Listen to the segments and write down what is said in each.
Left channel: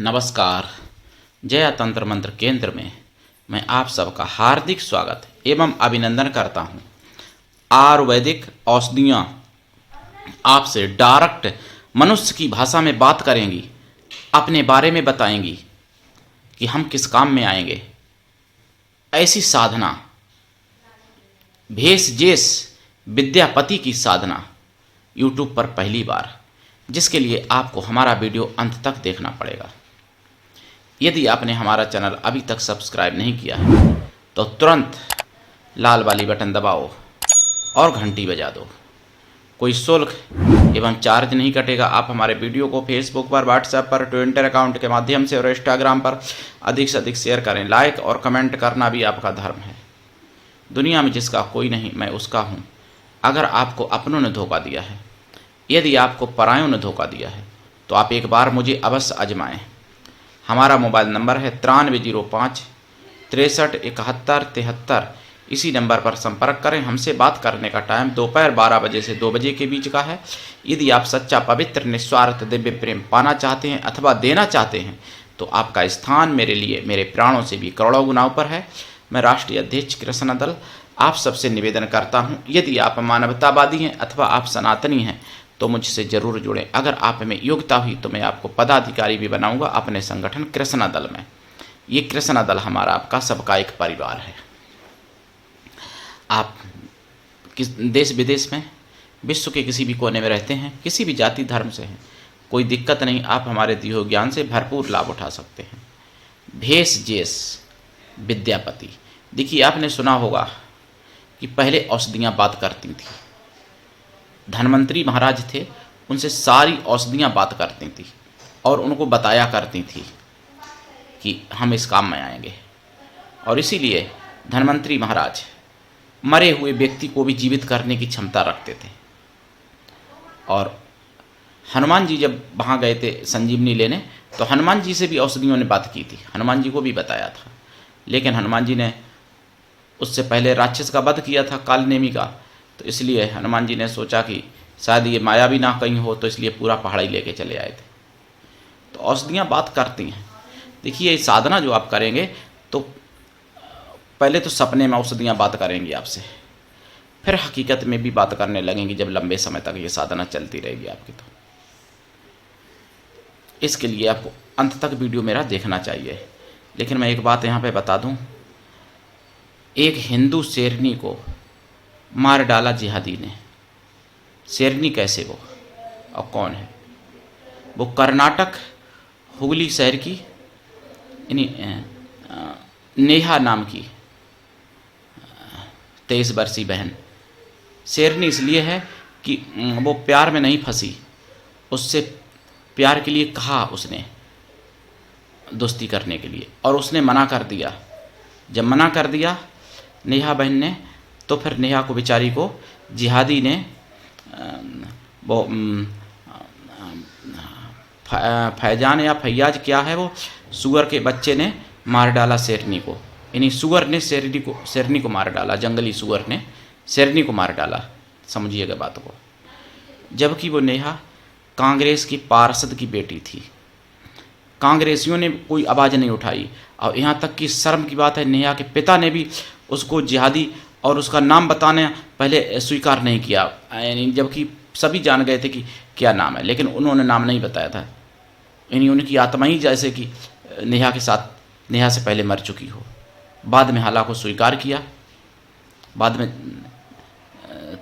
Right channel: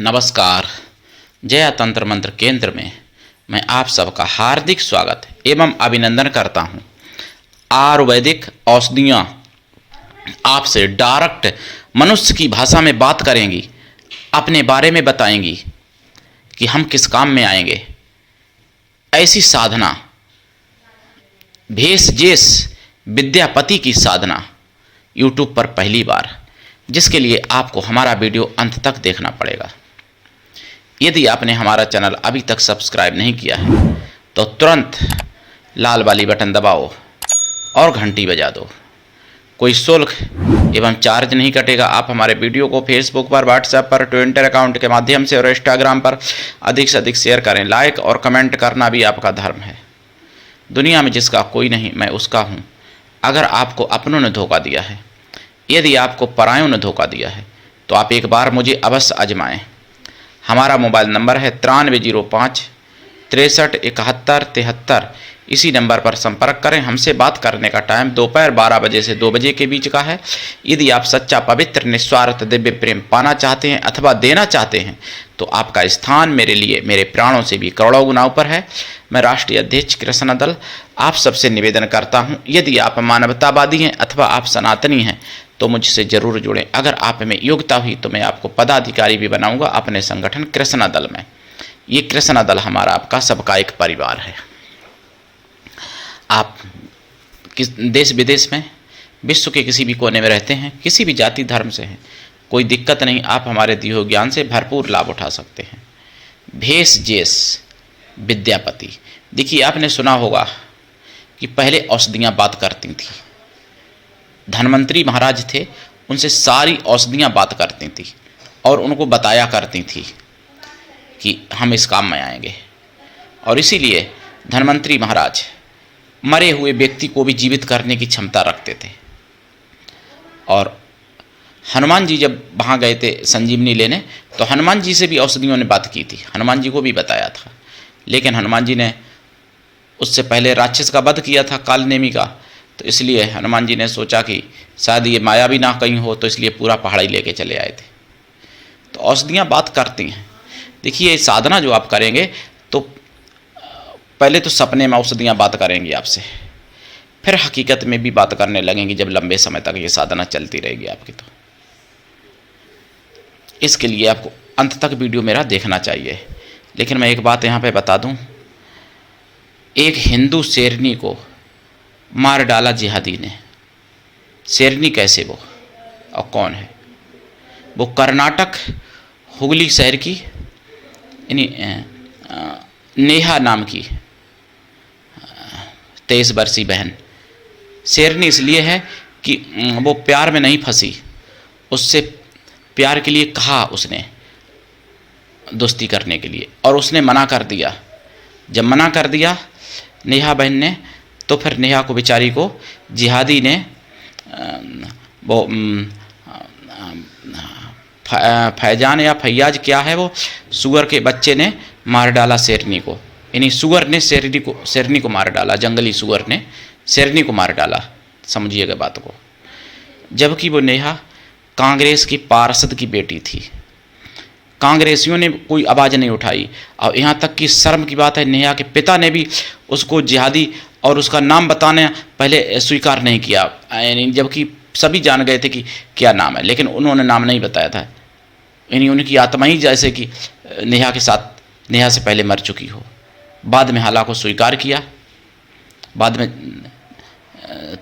नमस्कार। जया तंत्र मंत्र केंद्र में मैं आप सबका हार्दिक स्वागत एवं अभिनंदन करता हूं। आयुर्वेदिक औषधियाँ आपसे डायरेक्ट मनुष्य की भाषा में बात करेंगी, अपने बारे में बताएंगी कि हम किस काम में आएंगे। ऐसी साधना भेष जेष विद्यापति की साधना यूट्यूब पर पहली बार, जिसके लिए आपको हमारा वीडियो अंत तक देखना पड़ेगा। यदि आपने हमारा चैनल अभी तक सब्सक्राइब नहीं किया है तो तुरंत लाल वाली बटन दबाओ और घंटी बजा दो। कोई शुल्क एवं चार्ज नहीं कटेगा। आप हमारे वीडियो को फेसबुक पर, व्हाट्सएप पर, ट्विटर अकाउंट के माध्यम से और इंस्टाग्राम पर अधिक से अधिक शेयर करें। लाइक और कमेंट करना भी आपका धर्म है। दुनिया में जिसका कोई नहीं, मैं उसका हूँ। अगर आपको अपनों ने धोखा दिया है, यदि आपको परायों ने धोखा दिया है, तो आप एक बार मुझे अवश्य आजमाएं। हमारा मोबाइल नंबर है 9305 63 71 73। इसी नंबर पर संपर्क करें। हमसे बात करने का टाइम दोपहर 12 बजे से 2 बजे के बीच का है। यदि आप सच्चा, पवित्र, निस्वार्थ दिव्य प्रेम पाना चाहते हैं अथवा देना चाहते हैं तो आपका स्थान मेरे लिए मेरे प्राणों से भी करोड़ों गुना ऊपर है। मैं राष्ट्रीय अध्यक्ष कृष्णा दल आप सबसे निवेदन करता हूं, यदि आप मानवतावादी हैं अथवा आप सनातनी हैं तो मुझसे ज़रूर जुड़ें। अगर आप में योग्यता हुई तो मैं आपको पदाधिकारी भी बनाऊंगा अपने संगठन कृष्णा दल में। ये कृष्णा दल हमारा आपका सबका एक परिवार है। आप किस देश विदेश में, विश्व के किसी भी कोने में रहते हैं, किसी भी जाति धर्म से हैं, कोई दिक्कत नहीं। आप हमारे दिए हुए ज्ञान से भरपूर लाभ उठा सकते हैं। भेष जेष विद्यापति। देखिए, आपने सुना होगा कि पहले औषधियाँ बात करती थी। धन्वंतरी महाराज थे, उनसे सारी औषधियाँ बात करती थी और उनको बताया करती थी कि हम इस काम में आएंगे। और इसीलिए धन्वंतरी महाराज मरे हुए व्यक्ति को भी जीवित करने की क्षमता रखते थे। और हनुमान जी जब वहाँ गए थे संजीवनी लेने, तो हनुमान जी से भी औषधियों ने बात की थी, हनुमान जी को भी बताया था। लेकिन हनुमान जी ने उससे पहले राक्षस का वध किया था, कालनेमी का, तो इसलिए हनुमान जी ने सोचा कि शायद ये माया भी ना कहीं हो, तो इसलिए पूरा पहाड़ी लेके चले आए थे। तो औषधियाँ बात करती हैं। देखिए, साधना जो आप करेंगे तो पहले तो सपने में औषधियाँ बात करेंगी आपसे, फिर हकीकत में भी बात करने लगेंगी जब लंबे समय तक ये साधना चलती रहेगी आपकी। तो इसके लिए आपको अंत तक वीडियो मेरा देखना चाहिए। लेकिन मैं एक बात यहाँ पे बता दूँ, एक हिंदू शेरनी को मार डाला जिहादी ने। शेरनी कैसे, वो और कौन है? वो कर्नाटक हुगली शहर की नेहा नाम की 23 वर्षीय बहन। शेरनी इसलिए है कि वो प्यार में नहीं फंसी, उससे प्यार के लिए कहा उसने दोस्ती करने के लिए, और उसने मना कर दिया। जब मना कर दिया नेहा बहन ने, तो फिर नेहा को बेचारी को जिहादी ने वो फैजान या फैयाज क्या है, वो सुअर के बच्चे ने मार डाला शेरनी को। यानी सुअर ने शेरनी को मार डाला, जंगली सुअर ने शेरनी को मार डाला। समझिएगा बात को। जबकि वो नेहा कांग्रेस की पार्षद की बेटी थी। कांग्रेसियों ने कोई आवाज़ नहीं उठाई, और यहाँ तक कि शर्म की बात है, नेहा के पिता ने भी उसको जिहादी और उसका नाम बताने पहले स्वीकार नहीं किया, यानी जबकि सभी जान गए थे कि क्या नाम है, लेकिन उन्होंने नाम नहीं बताया था। यानी उनकी आत्मा ही जैसे कि नेहा के साथ, नेहा से पहले मर चुकी हो। बाद में हालात को स्वीकार किया, बाद में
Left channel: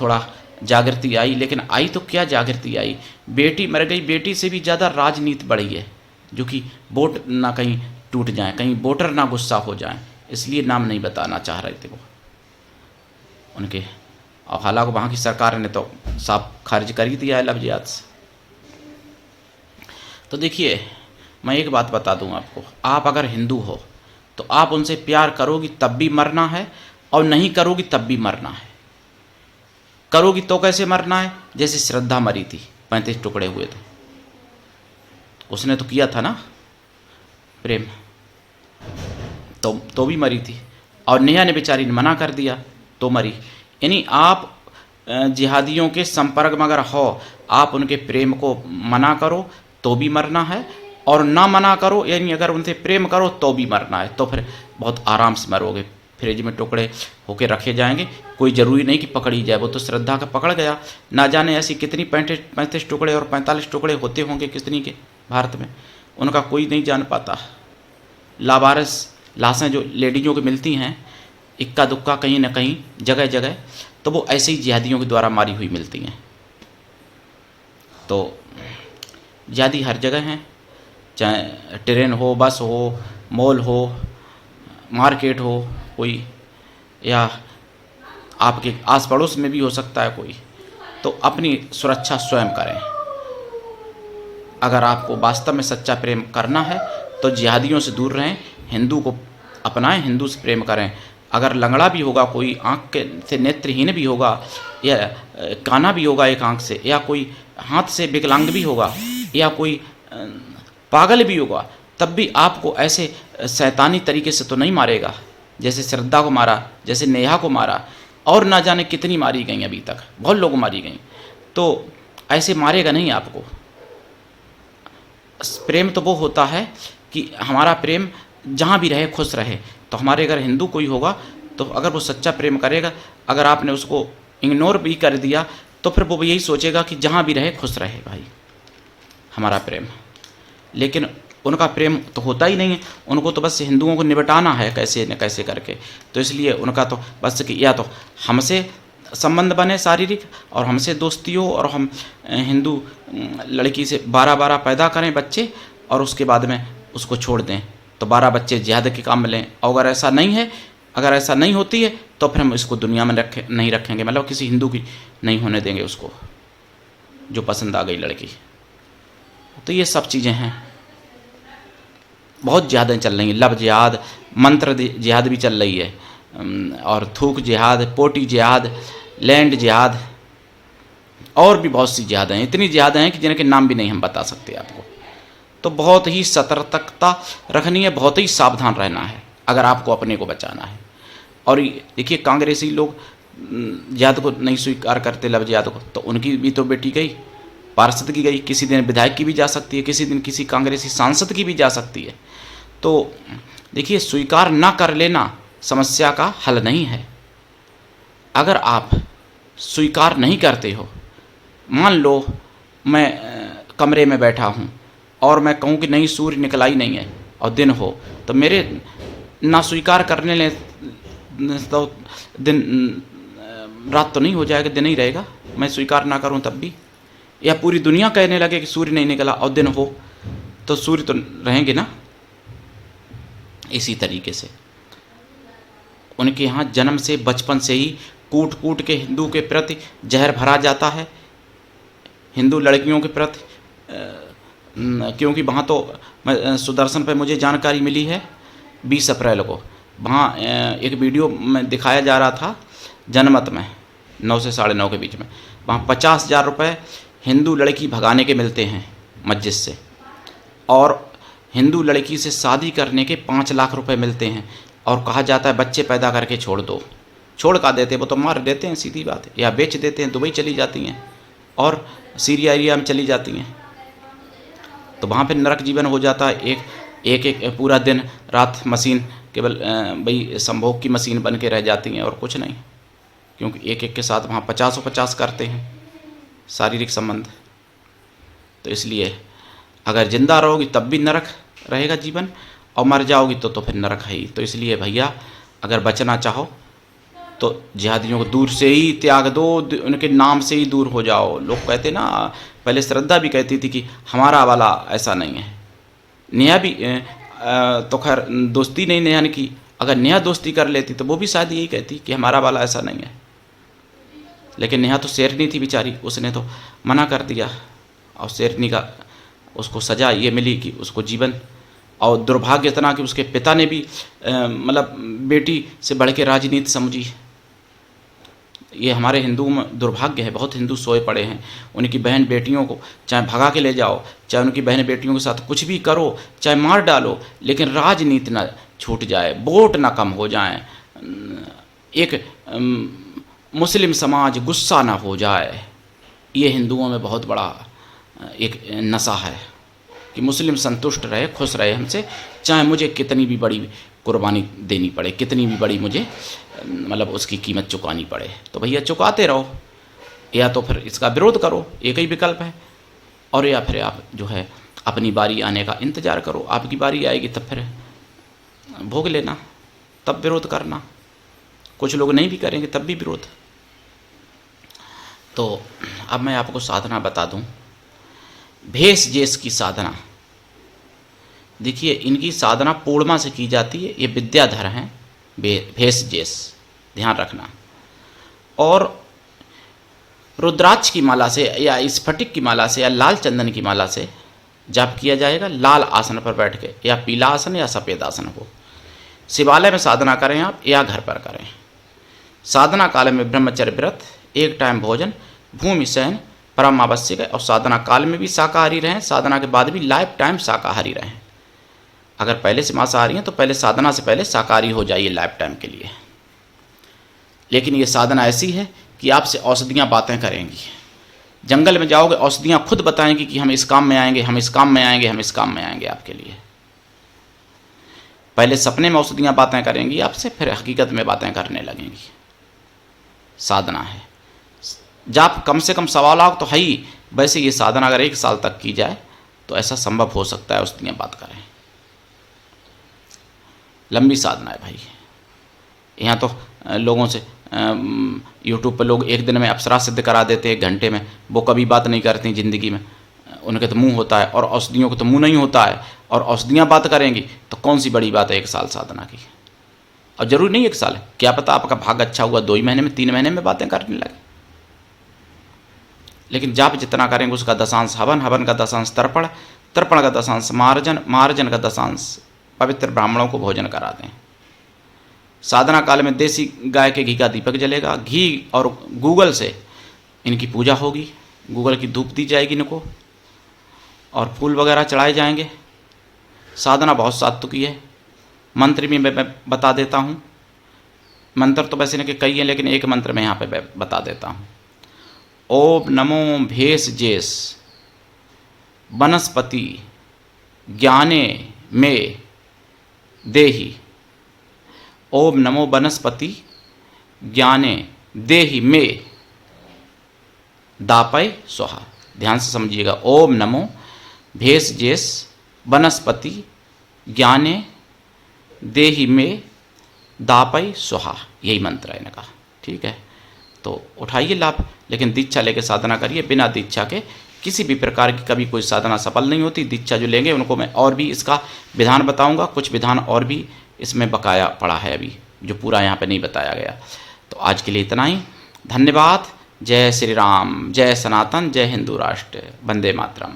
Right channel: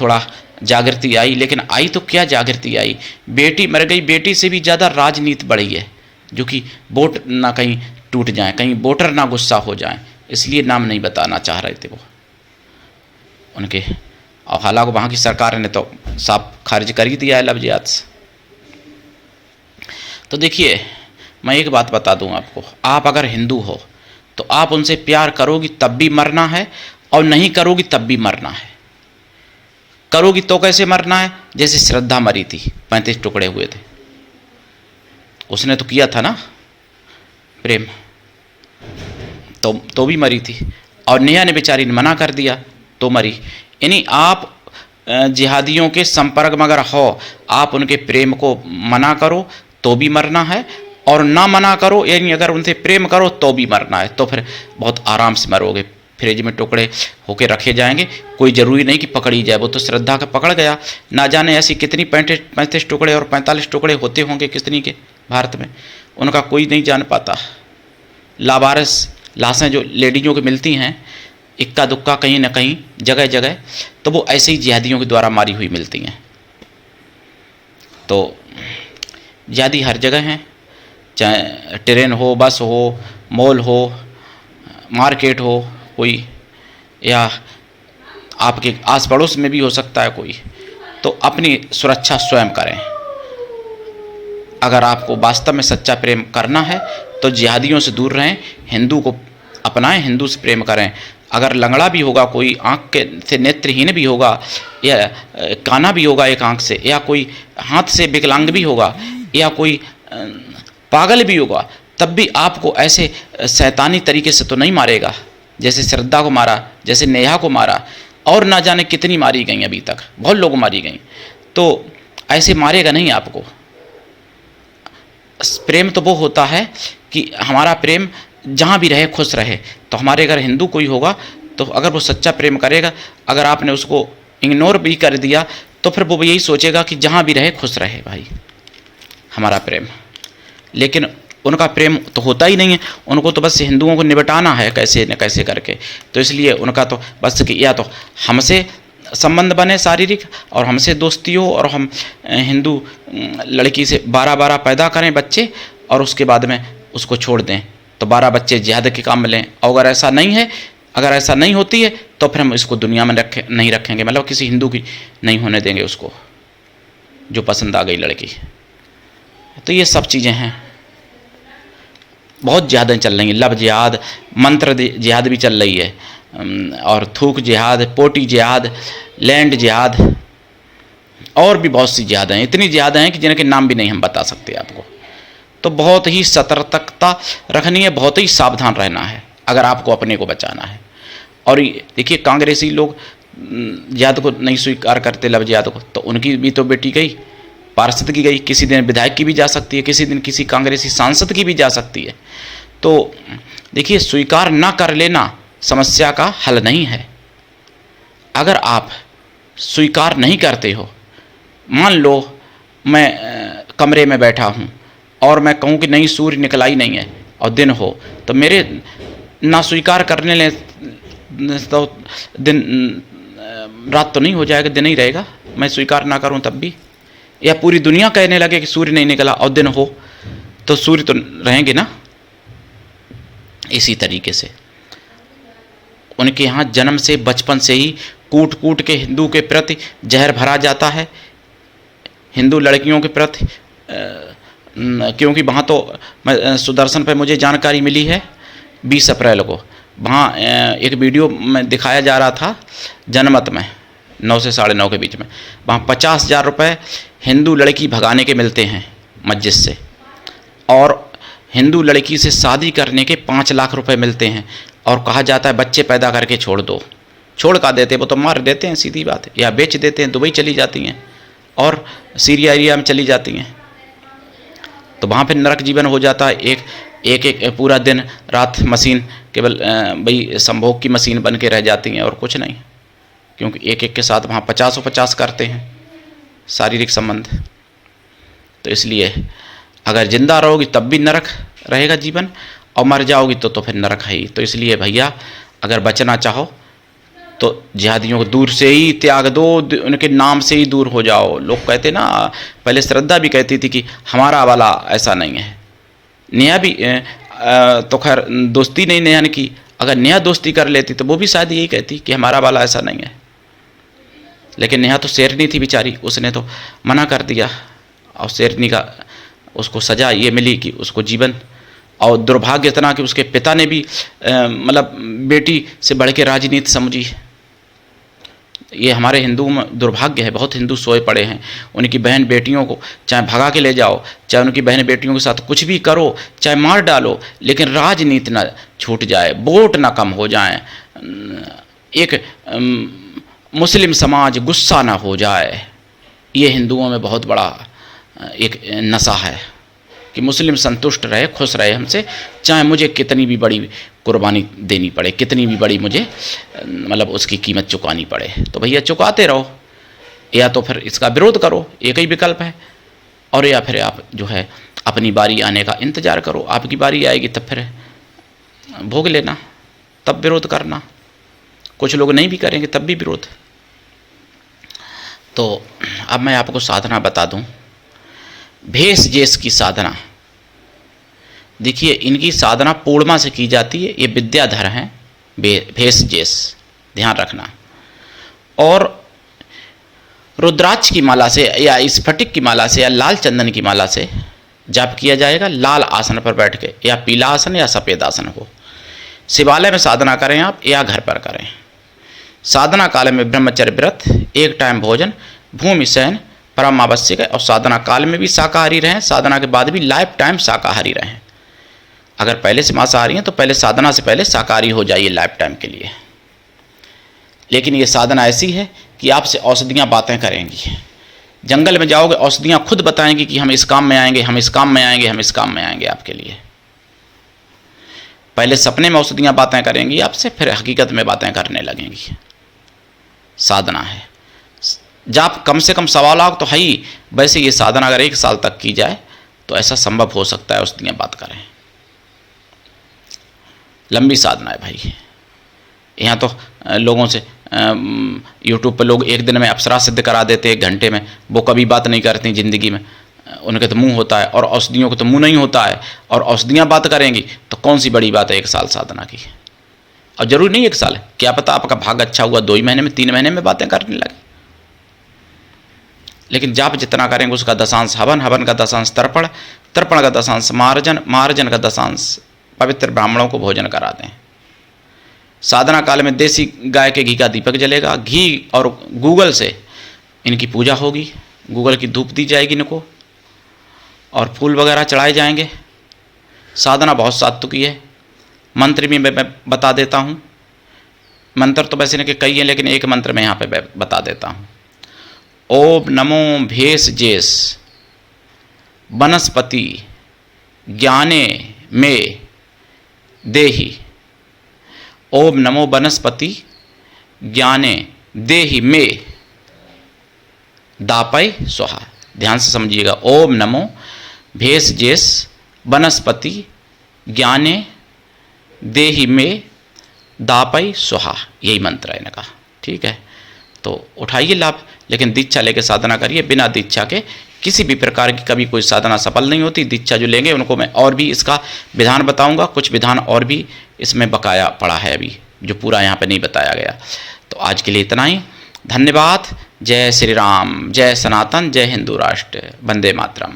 थोड़ा जागृति आई, लेकिन आई तो क्या जागृति आई, बेटी मर गई, बेटी से भी ज़्यादा राजनीति बढ़ी है, जो कि वोट ना कहीं टूट जाए, कहीं वोटर ना गुस्सा हो जाए, इसलिए नाम नहीं बताना चाह रहे थे वो उनके। और हालांकि वहाँ की सरकार ने तो साफ खारिज कर ही दिया है लफ्ज़ियात से। तो देखिए, मैं एक बात बता दूं आपको, आप अगर हिंदू हो तो आप उनसे प्यार करोगी तब भी मरना है, और नहीं करोगी तब भी मरना है। करोगी तो कैसे मरना है? जैसे श्रद्धा मरी थी, 35 टुकड़े हुए थे, उसने तो किया था ना प्रेम, तो भी मरी थी। और नेहा ने बेचारी ने मना कर दिया तो मरी। यानी आप जिहादियों के संपर्क में अगर हो, आप उनके प्रेम को मना करो तो भी मरना है, और ना मना करो, यानी अगर उनसे प्रेम करो तो भी मरना है तो फिर बहुत आराम से मरोगे। फ्रिज में टुकड़े होके रखे जाएंगे, कोई ज़रूरी नहीं कि पकड़ी जाए, वो तो श्रद्धा का पकड़ गया। ना जाने ऐसी कितनी 35 टुकड़े और 45 टुकड़े होते होंगे कितनी के भारत में, उनका कोई नहीं जान पाता। लावारिस लाशें जो लेडीज़ों की मिलती हैं इक्का दुक्का कहीं ना कहीं जगह जगह, तो वो ऐसे ही जिहादियों के द्वारा मारी हुई मिलती हैं। तो जिहादी हर जगह हैं, चाहे ट्रेन हो, बस हो, मॉल हो, मार्केट हो कोई, या आपके आस पड़ोस में भी हो सकता है कोई। तो अपनी सुरक्षा स्वयं करें। अगर आपको वास्तव में सच्चा प्रेम करना है तो जिहादियों से दूर रहें, हिंदू को अपनाएं, हिंदू से प्रेम करें। अगर लंगड़ा भी होगा कोई, आँख के से नेत्रहीन भी होगा, या काना भी होगा एक आँख से, या कोई हाथ से विकलांग भी होगा, या कोई पागल भी होगा, तब भी आपको ऐसे शैतानी तरीके से तो नहीं मारेगा जैसे श्रद्धा को मारा, जैसे नेहा को मारा, और ना जाने कितनी मारी गई अभी तक, बहुत लोग मारी गई। तो ऐसे मारेगा नहीं आपको। प्रेम तो वो होता है कि हमारा प्रेम जहाँ भी रहे खुश रहे। तो हमारे अगर हिंदू कोई होगा तो अगर वो सच्चा प्रेम करेगा, अगर आपने उसको इग्नोर भी कर दिया तो फिर वो यही सोचेगा कि जहाँ भी रहे खुश रहे भाई हमारा प्रेम। लेकिन उनका प्रेम तो होता ही नहीं है, उनको तो बस हिंदुओं को निपटाना है कैसे न कैसे करके। तो इसलिए उनका तो बस कि या तो हमसे संबंध बने शारीरिक और हमसे दोस्ती हो, और हम हिंदू लड़की से 12 पैदा करें बच्चे, और उसके बाद में उसको छोड़ दें तो 12 बच्चे जिहाद के काम में लें। और अगर ऐसा नहीं है, अगर ऐसा नहीं होती है तो फिर हम इसको दुनिया में नहीं रखेंगे, मतलब किसी हिंदू की नहीं होने देंगे उसको जो पसंद आ गई लड़की। तो ये सब चीज़ें हैं, बहुत जिहादें चल रही हैं। लव जिहाद, मंत्र जिहाद भी चल रही है, और थूक जिहाद, पोटी जिहाद, लैंड जिहाद, और भी बहुत सी जिहादें हैं। इतनी जिहादें हैं कि जिनके नाम भी नहीं हम बता सकते आपको। तो बहुत ही सतर्कता रखनी है, बहुत ही सावधान रहना है अगर आपको अपने को बचाना है। और देखिए कांग्रेसी लोग जिहाद को नहीं स्वीकार करते, लव जिहाद को, तो उनकी भी तो बेटी गई, पार्षद की गई, किसी दिन विधायक की भी जा सकती है, किसी दिन किसी कांग्रेसी सांसद की भी जा सकती है। तो देखिए स्वीकार ना कर लेना समस्या का हल नहीं है। अगर आप स्वीकार नहीं करते हो, मान लो मैं कमरे में बैठा हूँ और मैं कहूँ कि नहीं सूर्य निकला ही नहीं है और दिन हो, तो मेरे ना स्वीकार करने ले तो दिन रात तो नहीं हो जाएगा, दिन ही रहेगा। मैं स्वीकार ना करूँ तब भी, या पूरी दुनिया कहने लगे कि सूर्य नहीं निकला और दिन हो, तो सूर्य तो रहेंगे ना। इसी तरीके से उनके यहाँ जन्म से बचपन से ही कूट कूट के हिंदू के प्रति जहर भरा जाता है, हिंदू लड़कियों के प्रति। क्योंकि वहाँ तो सुदर्शन पे मुझे जानकारी मिली है 20 अप्रैल को, वहाँ एक वीडियो में दिखाया जा रहा था जनमत में 9 से 9:30 के बीच में, वहाँ 50,000 रुपये हिंदू लड़की भगाने के मिलते हैं मस्जिद से, और हिंदू लड़की से शादी करने के 5 लाख रुपए मिलते हैं, और कहा जाता है बच्चे पैदा करके छोड़ दो। छोड़ का देते, वो तो मार देते हैं, सीधी बात है, या बेच देते हैं, दुबई चली जाती हैं और सीरिया एरिया में चली जाती हैं। तो वहाँ पे नरक जीवन हो जाता है। एक पूरा दिन रात मशीन केवल भाई संभोग की मशीन बन के रह जाती हैं और कुछ नहीं, क्योंकि एक के साथ वहाँ 50 करते हैं शारीरिक संबंध। तो इसलिए अगर जिंदा रहोगी तब भी नरक रहेगा जीवन, और मर जाओगी तो फिर नरक है ही। तो इसलिए भैया अगर बचना चाहो तो जिहादियों को दूर से ही त्याग दो, उनके नाम से ही दूर हो जाओ। लोग कहते ना, पहले श्रद्धा भी कहती थी कि हमारा वाला ऐसा नहीं है। नेहा भी तो खैर दोस्ती नहीं नेहा ने की, अगर नेहा दोस्ती कर लेती तो वो भी शायद यही कहती कि हमारा वाला ऐसा नहीं है। लेकिन नेहा तो शेरनी थी बेचारी, उसने तो मना कर दिया, और शेरनी का उसको सज़ा ये मिली कि उसको जीवन, और दुर्भाग्य इतना कि उसके पिता ने भी मतलब बेटी से बढ़ के राजनीति समझी। ये हमारे हिंदू में दुर्भाग्य है, बहुत हिंदू सोए पड़े हैं। उनकी बहन बेटियों को चाहे भगा के ले जाओ, चाहे उनकी बहन बेटियों के साथ कुछ भी करो, चाहे मार डालो, लेकिन राजनीति ना छूट जाए, वोट ना कम हो जाए, एक मुस्लिम समाज गुस्सा ना हो जाए। ये हिंदुओं में बहुत बड़ा एक नशा है। कि मुस्लिम संतुष्ट रहे, खुश रहे हमसे, चाहे मुझे कितनी भी बड़ी कुर्बानी देनी पड़े, कितनी भी बड़ी मुझे मतलब उसकी कीमत चुकानी पड़े। तो भैया चुकाते रहो, या तो फिर इसका विरोध करो, एक ही विकल्प है, और या फिर आप जो है अपनी बारी आने का इंतज़ार करो। आपकी बारी आएगी तब फिर भोग लेना, तब विरोध करना। कुछ लोग नहीं भी करेंगे तब भी विरोध। तो अब मैं आपको साधना बता दूं, भेष जेस की साधना। देखिए इनकी साधना पूर्णिमा से की जाती है, ये विद्याधर हैं भेष जेस, ध्यान रखना। और रुद्राक्ष की माला से या स्फटिक की माला से या लाल चंदन की माला से जाप किया जाएगा, लाल आसन पर बैठ के, या पीला आसन या सफ़ेद आसन हो। शिवालय में साधना करें आप या घर पर करें। साधना काल में ब्रह्मचर्य व्रत, एक टाइम भोजन, भूमि शयन परम आवश्यक है। और साधना काल में भी शाकाहारी रहें, साधना के बाद भी लाइफ टाइम शाकाहारी रहें। अगर पहले से मांसाहारी हैं तो पहले साधना से पहले शाकाहारी हो जाइए लाइफ टाइम के लिए। लेकिन ये साधना ऐसी है कि आपसे औषधियाँ बातें करेंगी। जंगल में जाओगे, औषधियाँ खुद बताएंगी कि हम इस काम में आएंगे, हम इस काम में आएंगे, हम इस काम में आएंगे आपके लिए। पहले सपने में औषधियाँ बातें करेंगी आपसे, फिर हकीकत में बातें करने लगेंगी। साधना है। जाप कम से कम 1.25 लाख तो है ही। वैसे ये साधना अगर 1 साल तक की जाए तो ऐसा संभव हो सकता है, औषधियाँ बात करें। लंबी साधना है भाई। यहाँ तो लोगों से यूट्यूब पर लोग 1 दिन में अप्सरा सिद्ध करा देते हैं, 1 घंटे में। वो कभी बात नहीं करती ज़िंदगी में, उनके तो मुंह होता है, और औषधियों को तो मुंह नहीं होता है, और औषधियाँ बात करेंगी तो कौन सी बड़ी बात है 1 साल साधना की। और ज़रूरी नहीं 1 साल है, क्या पता आपका भाग अच्छा हुआ 2 ही महीने में, 3 महीने में बातें करने लगे। लेकिन जाप जितना करेंगे उसका दशांश हवन, हवन का दशांश तर्पण, तर्पण का दशांश मार्जन, मार्जन का दशांश पवित्र ब्राह्मणों को भोजन करा दें। साधना काल में देसी गाय के घी का दीपक जलेगा, घी और गूगल से इनकी पूजा होगी, गूगल की धूप दी जाएगी इनको, और फूल वगैरह चढ़ाए जाएंगे। साधना बहुत सात्विकी है। मंत्र भी मैं बता देता हूँ। मंत्र तो वैसे इनके कई हैं, लेकिन एक मंत्र मैं यहाँ पे बता देता हूँ। ओम नमो भेष जेस वनस्पति ज्ञाने में देहि। ओम नमो वनस्पति ज्ञाने देहि में दापय स्वाहा। ध्यान से समझिएगा। ओम नमो भेष जेस वनस्पति ज्ञाने देहि में दापय स्वाहा, यही मंत्र है इनका। ठीक है, तो उठाइए लाभ, लेकिन दीक्षा लेके साधना करिए। बिना दीक्षा के किसी भी प्रकार की कभी कोई साधना सफल नहीं होती। दीक्षा जो लेंगे उनको मैं और भी इसका विधान बताऊंगा, कुछ विधान और भी इसमें बकाया पड़ा है अभी, जो पूरा यहाँ पे नहीं बताया गया। तो आज के लिए इतना ही। धन्यवाद। जय श्री राम, जय सनातन, जय हिंदू राष्ट्र, वंदे मातरम।